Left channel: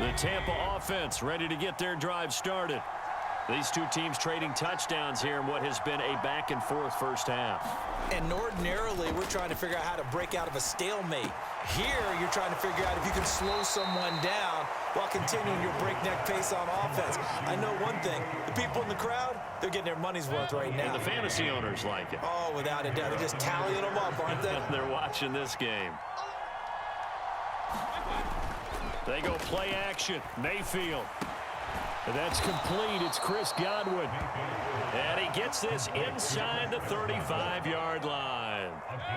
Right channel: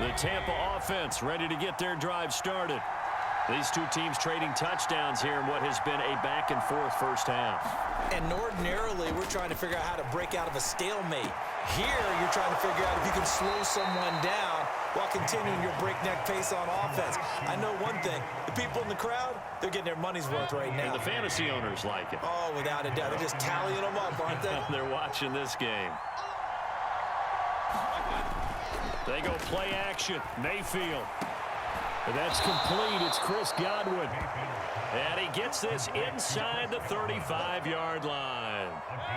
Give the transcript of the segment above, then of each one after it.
The Tampa offense ready to get their drive started. These two teams trading touchdowns here in what has been a back-and-forth first half. And ordinarily, we're trying to figure out how to break out of a stalemate. Here, you're trying to figure out if you can slow someone down while continuing your breakneck pace on offense. I know one thing. The people in the crowd, they're getting their money's worth right now. And the fantasy owners like it. Oh, without a doubt. They're just tallying them up, aren't they? They're watching this game. They go play action. Mayfield. And that's complete. It's Chris Godwin. And he gets this inside the 35-yard line.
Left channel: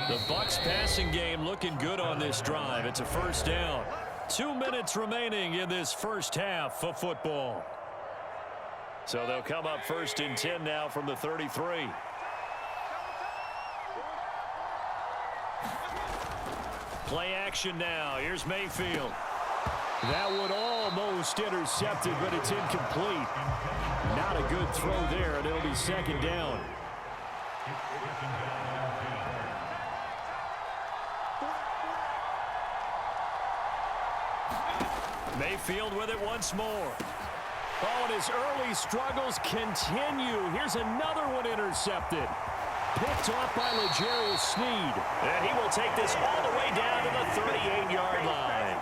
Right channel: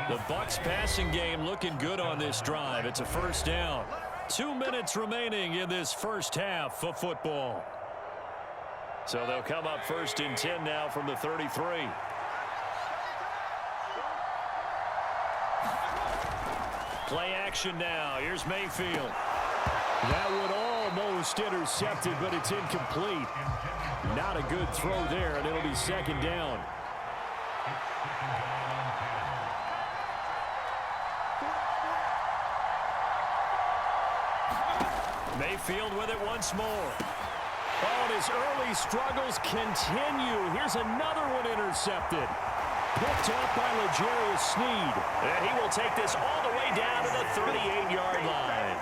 The Bucs passing game looking good on this drive. It's a first down. 2 minutes remaining in this first half of football. So they'll come up first and 10 now from the 33. Play action now. Here's Mayfield. That one almost intercepted, but it's incomplete. Not a good throw there, and it'll be second down. Mayfield with it once more. Oh, and his early struggles continue. Here's another one intercepted. Picked off by L'Jarius Sneed. And he will take this all the way down to the 38-yard line.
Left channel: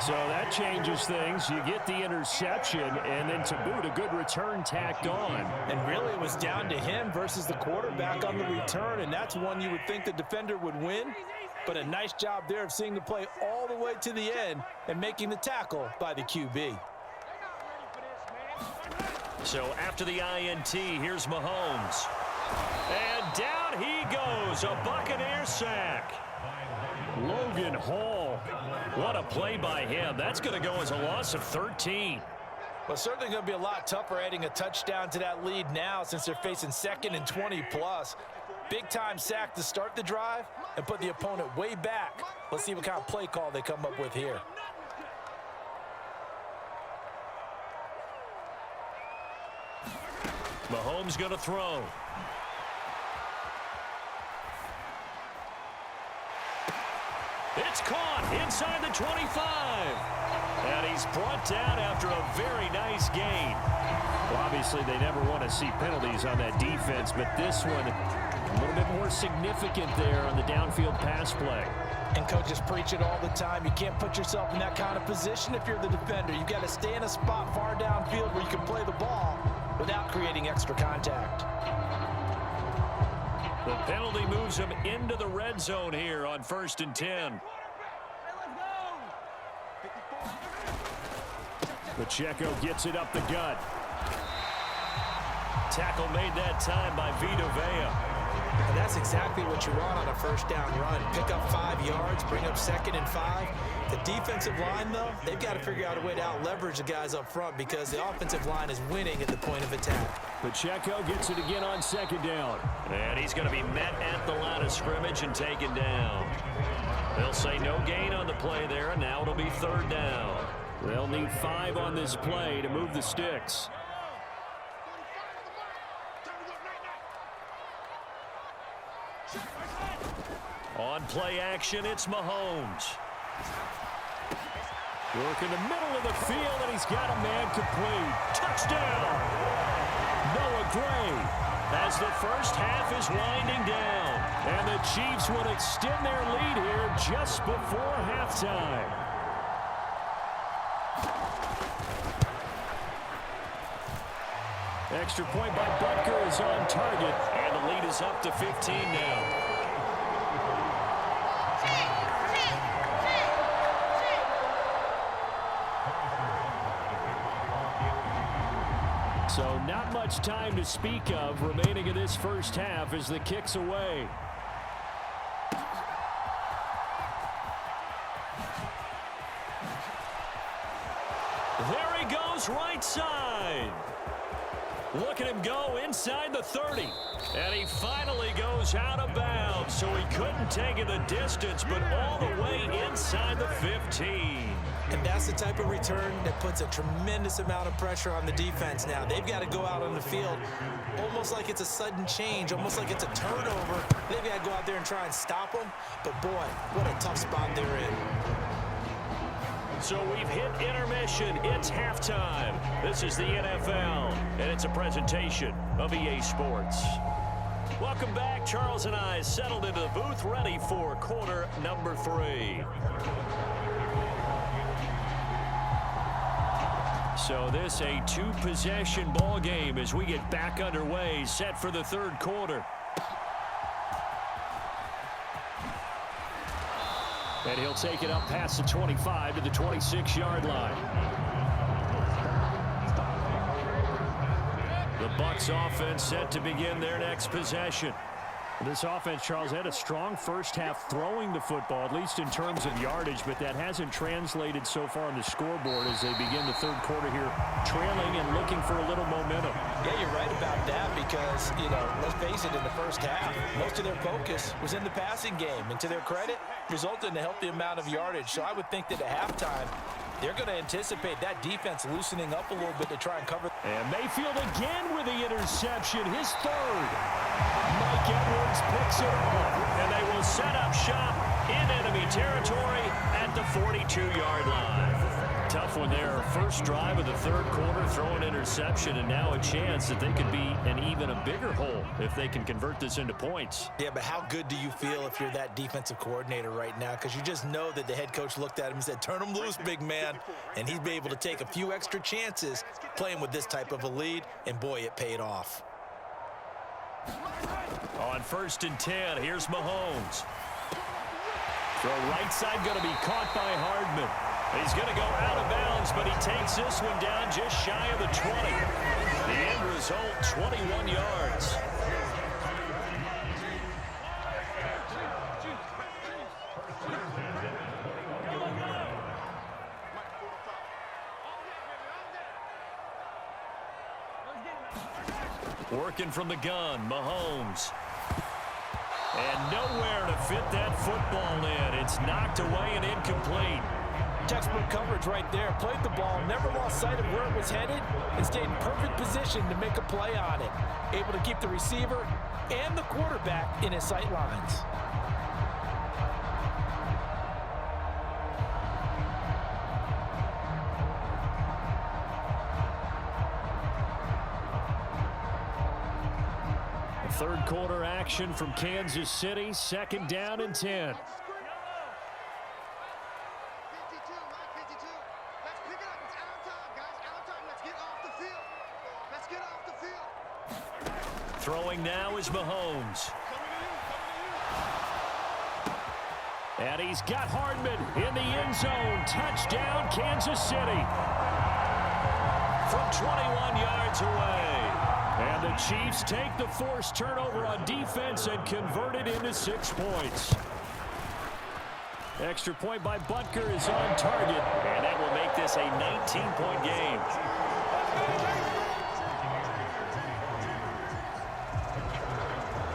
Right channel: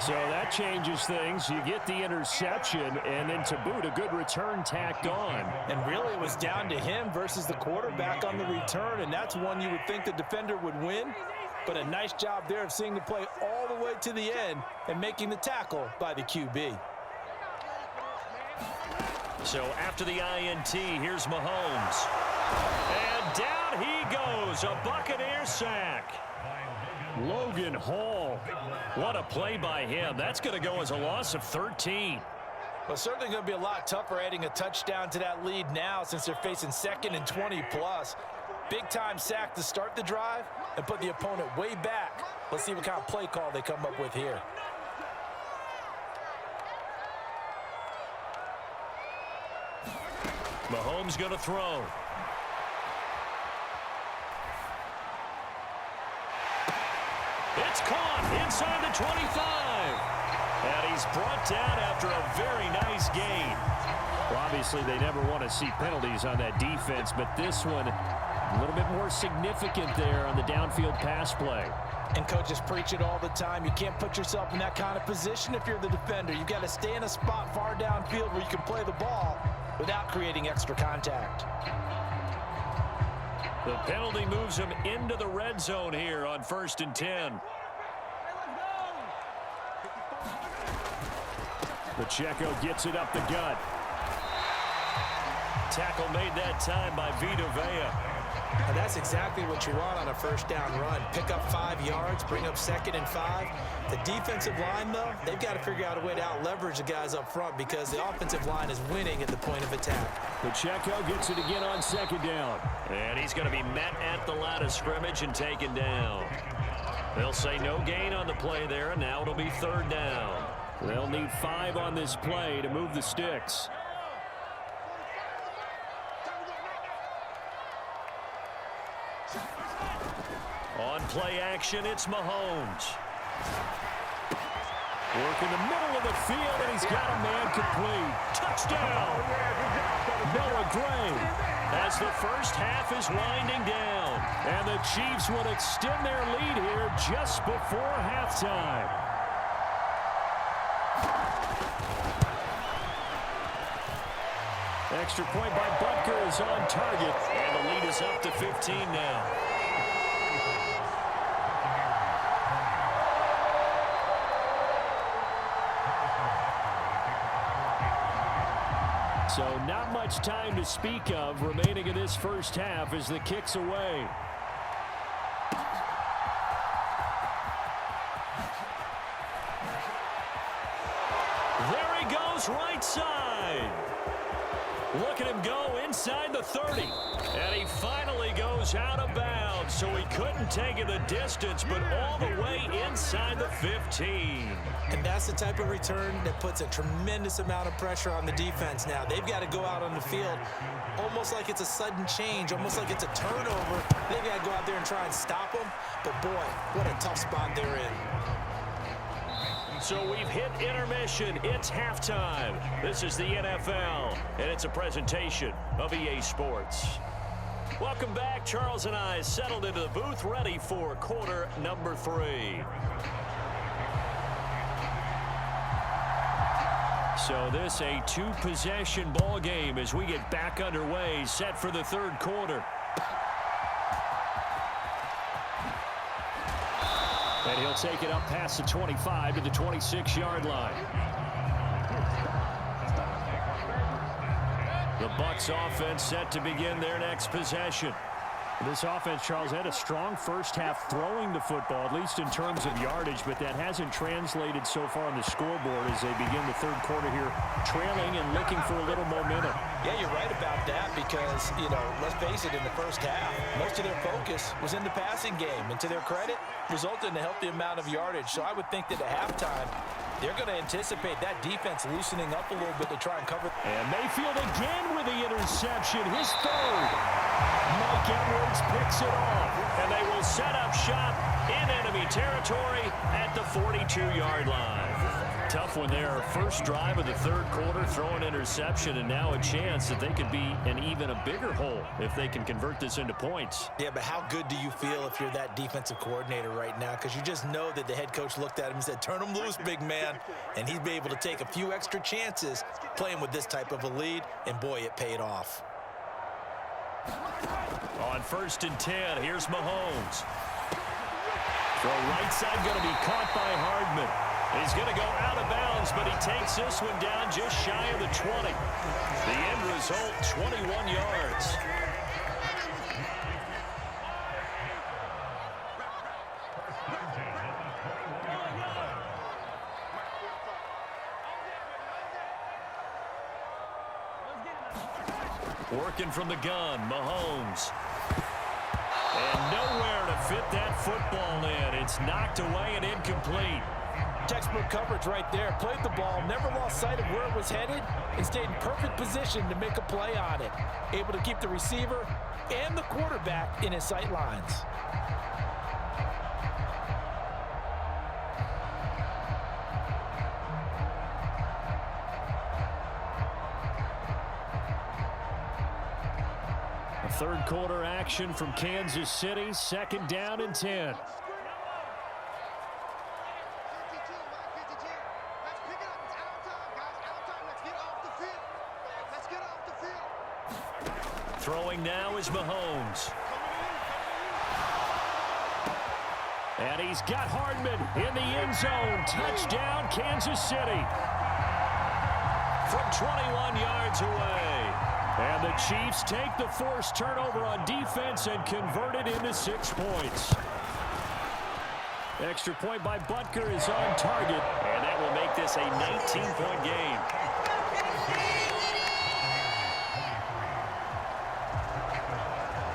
So that changes things. You get the interception, and then to boot, a good return tacked on. And really, it was down to him versus the quarterback on the return, and that's one you would think the defender would win. But a nice job there of seeing the play all the way to the end and making the tackle by the QB. So after the INT, here's Mahomes. And down he goes, a Buccaneer sack. Logan Hall. What a play by him. That's going to go as a loss of 13. Well, certainly going to be a lot tougher adding a touchdown to that lead now since they're facing 2nd and 20+. Big-time sack to start the drive and put the opponent way back. Let's see what kind of play call they come up with here. Mahomes going to throw. It's caught inside the 25. And he's brought down after a very nice gain. Well, obviously, they never want to see penalties on that defense, but this one a little bit more significant there on the downfield pass play. And coaches preach it all the time. You can't put yourself in that kind of position if you're the defender. You've got to stay in a spot far downfield where you can play the ball without creating extra contact. The penalty moves him into the red zone here on 1st and 10. Pacheco gets it up the gut. Tackle made that time by Vita Vea. And that's exactly what you want on a first down run. Pick up 5 yards, bring up 2nd and 5. The defensive line, though, they've got to figure out a way to out-leverage the guys up front because the offensive line is winning at the point of attack. Pacheco gets it again on 2nd down. And he's going to be met at the line of scrimmage and taken down. They'll say no gain on the play there, and now it'll be 3rd down. They'll need 5 on this play to move the sticks. On play action, it's Mahomes. Work in the middle of the field, and he's got a man complete. Touchdown! Noah Gray, as the first half is winding down. And the Chiefs would extend their lead here just before halftime. Extra point by Butker is on target, and the lead is up to 15 now. So not much time to speak of remaining in this first half as the kick's away. There he goes right side. Look at him go inside the 30. And he finally goes out of bounds, so he couldn't take it the distance, but all the way inside the 15. And that's the type of return that puts a tremendous amount of pressure on the defense now. They've got to go out on the field almost like it's a sudden change, almost like it's a turnover. They've got to go out there and try and stop them. But, boy, what a tough spot they're in. So we've hit intermission. It's halftime. This is the NFL, and it's a presentation of EA Sports. Welcome back. Charles and I settled into the booth, ready for quarter number 3. So this a 2-possession ball game as we get back underway, set for the third quarter. And he'll take it up past the 25 to the 26-yard line. The Bucs offense set to begin their next possession. This offense, Charles, had a strong first half throwing the football, at least in terms of yardage, but that hasn't translated so far on the scoreboard as they begin the third quarter here, trailing and looking for a little momentum. Yeah, you're right about that because, let's face it, in the first half, most of their focus was in the passing game. And to their credit, resulted in a healthy amount of yardage. So I would think that at halftime, they're going to anticipate that defense loosening up a little bit to try and cover. And Mayfield again with the interception, his third. Mike Edwards picks it off, and they will set up shop in enemy territory at the 42-yard line. Tough one there. First drive of the third quarter, throw an interception, and now a chance that they could be in even a bigger hole if they can convert this into points. Yeah, but how good do you feel if you're that defensive coordinator right now? Because you just know that the head coach looked at him and said, turn him loose, big man. And he'd be able to take a few extra chances playing with this type of a lead, and boy, it paid off. On 1st and 10, here's Mahomes. Throw right side, going to be caught by Hardman. He's going to go out of bounds, but he takes this one down just shy of the 20. The end result, 21 yards. Working from the gun, Mahomes. And nowhere to fit that football in. It's knocked away and incomplete. Textbook coverage right there. Played the ball, never lost sight of where it was headed, and stayed in perfect position to make a play on it. Able to keep the receiver and the quarterback in his sight lines. Third quarter action from Kansas City. 2nd down and 10. 52, Mike 52. Let's pick it up. It's out of time, guys. Out of time. Let's get off the field. Let's get off the field. Throwing now is Mahomes. And he's got Hardman in the end zone. Touchdown, Kansas City. From 21 yards away. And the Chiefs take the forced turnover on defense and convert it into 6 points. Extra point by Butker is on target, and that will make this a 19-point game.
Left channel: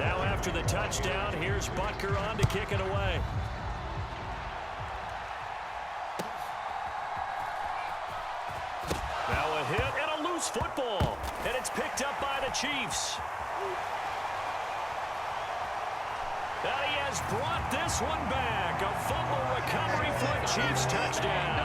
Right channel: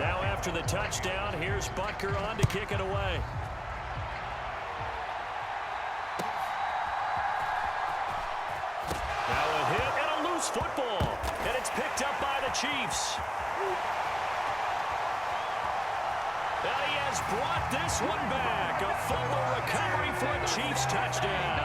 Now after the touchdown, here's Butker on to kick it away. Now a hit and a loose football. And it's picked up by the Chiefs. And he has brought this one back. A fumble recovery for a Chiefs touchdown.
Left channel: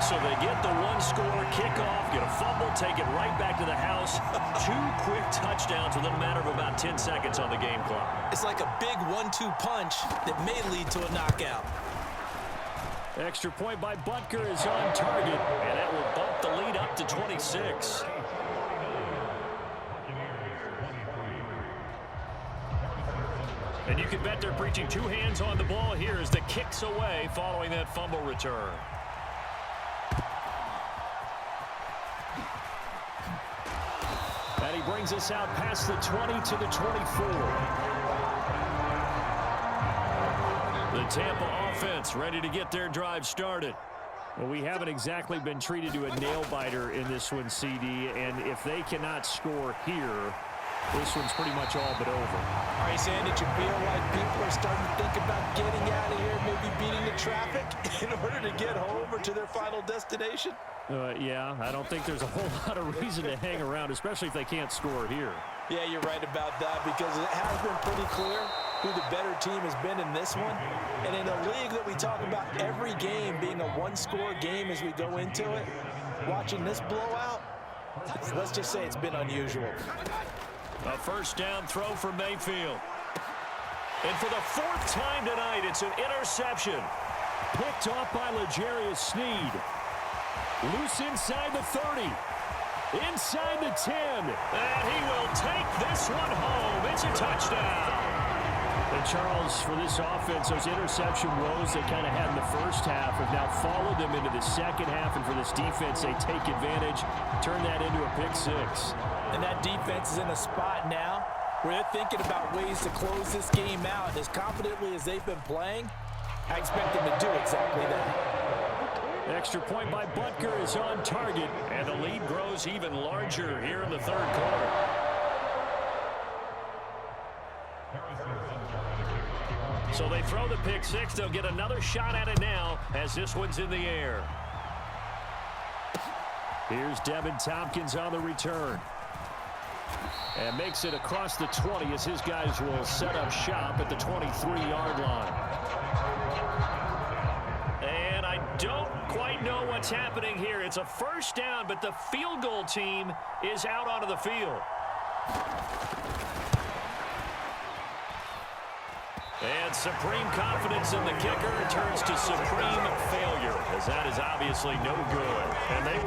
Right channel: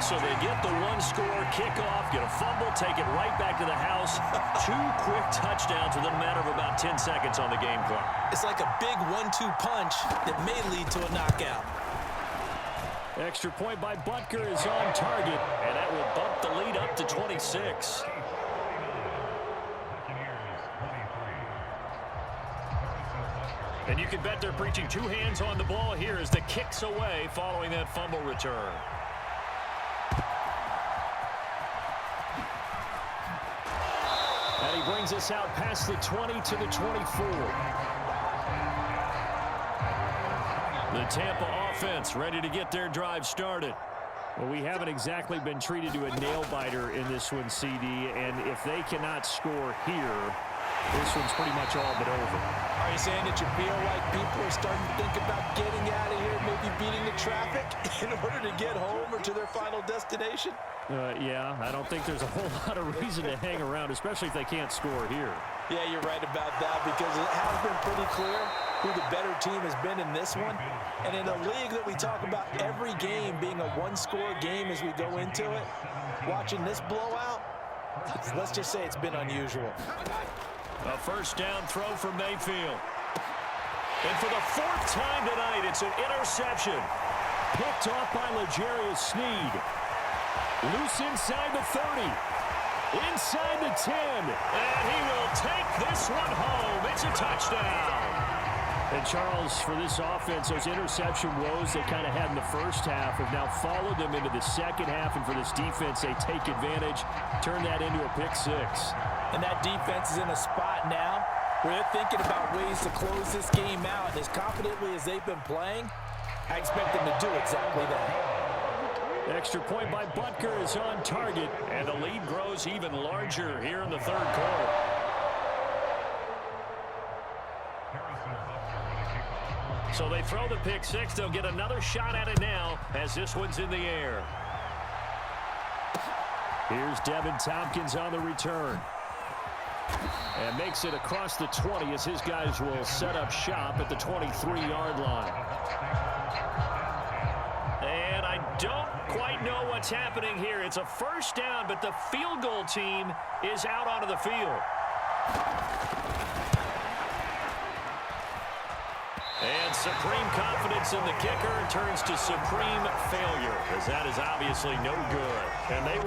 So they get the one-score kickoff, get a fumble, take it right back to the house. 2 quick touchdowns within a matter of about 10 seconds on the game clock. It's like a big 1-2 punch that may lead to a knockout. Extra point by Butker is on target, and that will bump the lead up to 26. And you can bet they're preaching 2 hands on the ball here as the kick's away following that fumble return. And he brings us out past the 20 to the 24. The Tampa offense ready to get their drive started. Well, we haven't exactly been treated to a nail-biter in this one, CD, and if they cannot score here, this one's pretty much all but over. Are you saying that you feel like people are starting to think about getting out of here, maybe beating the traffic in order to get home or to their final destination? Yeah, I don't think there's a whole lot of reason to hang around, especially if they can't score here. Yeah, you're right about that because it has been pretty clear who the better team has been in this one. And in a league that we talk about every game being a one-score game as we go into it, watching this blowout, let's just say it's been unusual. A first down throw for Mayfield. And for the fourth time tonight, it's an interception. Picked off by L'Jarius Sneed. Loose inside the 30. Inside the 10. And he will take this one home. It's a touchdown. And Charles, for this offense, those interception woes they kind of had in the first half have now followed them into the second half. And for this defense, they take advantage, turn that into a pick six. And that defense is in a spot now where they're thinking about ways to close this game out. And as confidently as they've been playing, I expect them to do exactly that. Extra point by Butker is on target, and the lead grows even larger here in the third quarter. So they throw the pick six. They'll get another shot at it now as this one's in the air. Here's Devin Tompkins on the return. And makes it across the 20 as his guys will set up shop at the 23-yard line. And I don't quite know what's happening here. It's a first down, but the field goal team is out onto the field. And supreme confidence in the kicker turns to supreme failure, as that is obviously no good. And they